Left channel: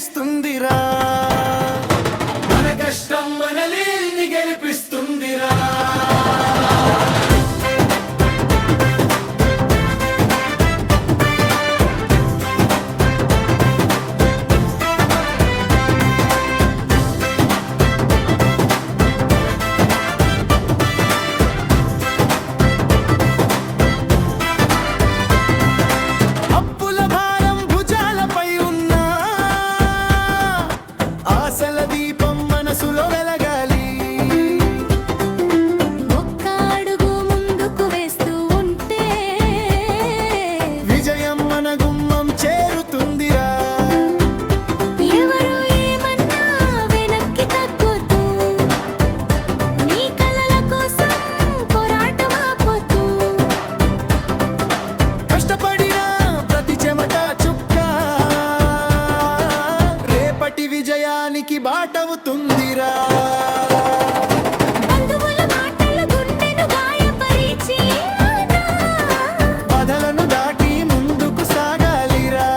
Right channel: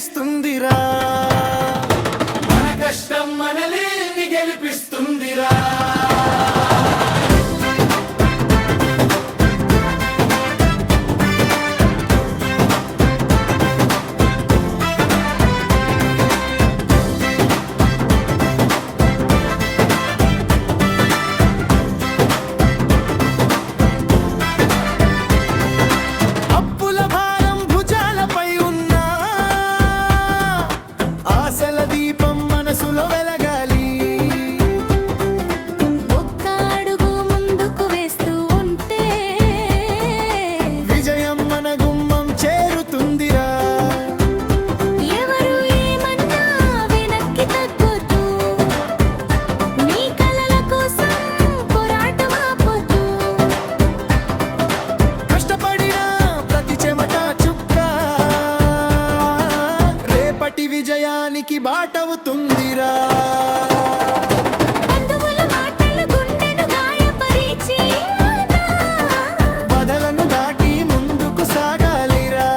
గెలిపిస్తుందిరా, మన కష్టం మనల్ని గెలిపిస్తుందిరా. ఆశల దీపం మనసులో వెలగాలి, ఒక్క అడుగు ముందుకు వేస్తూ ఉంటే విజయం మన గుమ్మం చేరుతుందిరా. ఎవరు ఏమన్నా వెనక్కి తగ్గొద్దు, నీ కలల కోసం పోరాటం ఆపొద్దు. కష్టపడిన ప్రతి చెమట చుక్క రేపటి విజయానికి బాటవుతుందిరా. బంధువుల మాటలు గుండెను గాయపరిచి బాధలను దాటి ముందుకు సాగాలిరా.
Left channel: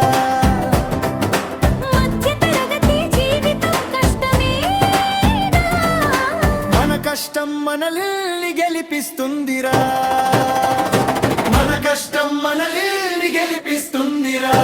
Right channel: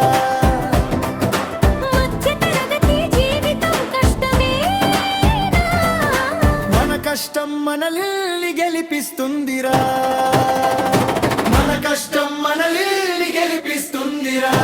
మధ్య తరగతి జీవితం కష్టమేనా, మన కష్టం మనల్ని గెలిపిస్తుందిరా, మన కష్టం మనల్ని గెలిపిస్తుందిరా.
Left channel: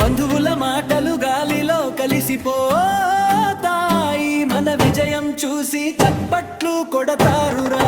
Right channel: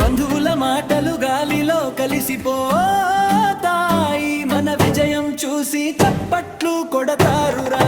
బంధువుల మాటలు గాలిలో కలిసిపోతాయి, మన విజయం చూసి చప్పట్లు కొడతారురా.